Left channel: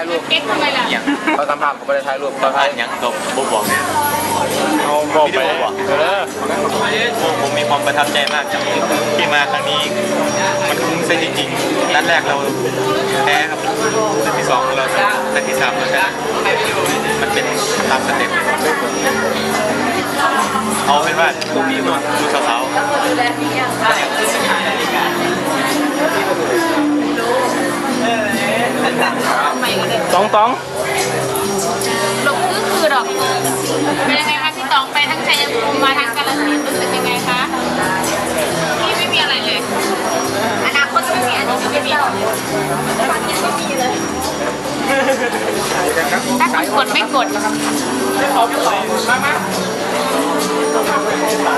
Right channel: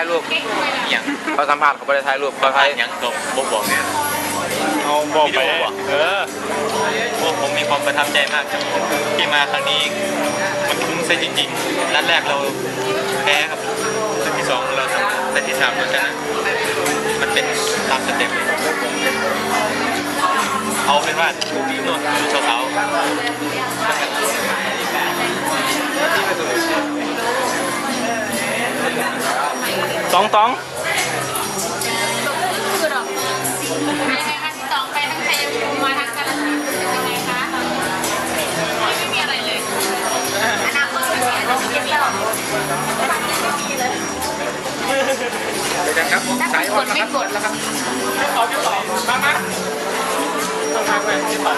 ายรูปอย่างเขาสัมภาษณ์เขาไม่ได้ถ่ายรูปสัเขามภาถ่าษยณ์หยังกับบ่บอกเนี่ยเอาบอกไปวิดีโอเหรอเออโอ้ผมมีความประทับใจมากครับที่มาครั้งนี้ มันคุ้มซะจริงๆนัดแรกเราแพ้ครับนัดที่สองเราชนะนัดที่สามเราชนะมันเป็นตามสเต็ปเลยเอาเป็นว่านู่นดูสาวๆ ตองตองหลงคือคือหรอกเป็นยัไงคะพี่ตองไปทั้งชายภูมิมาทั้งกาฬสินงเป็นยังไงคะไม่มีอะไรเลยอนาคตสุดใสจะมีเปล่าตอนนี้ไม่มีเลยไม่กดไม่กดนะครับไม่ขอไม่ไหวมากมากต้องทำไปให้ป๋า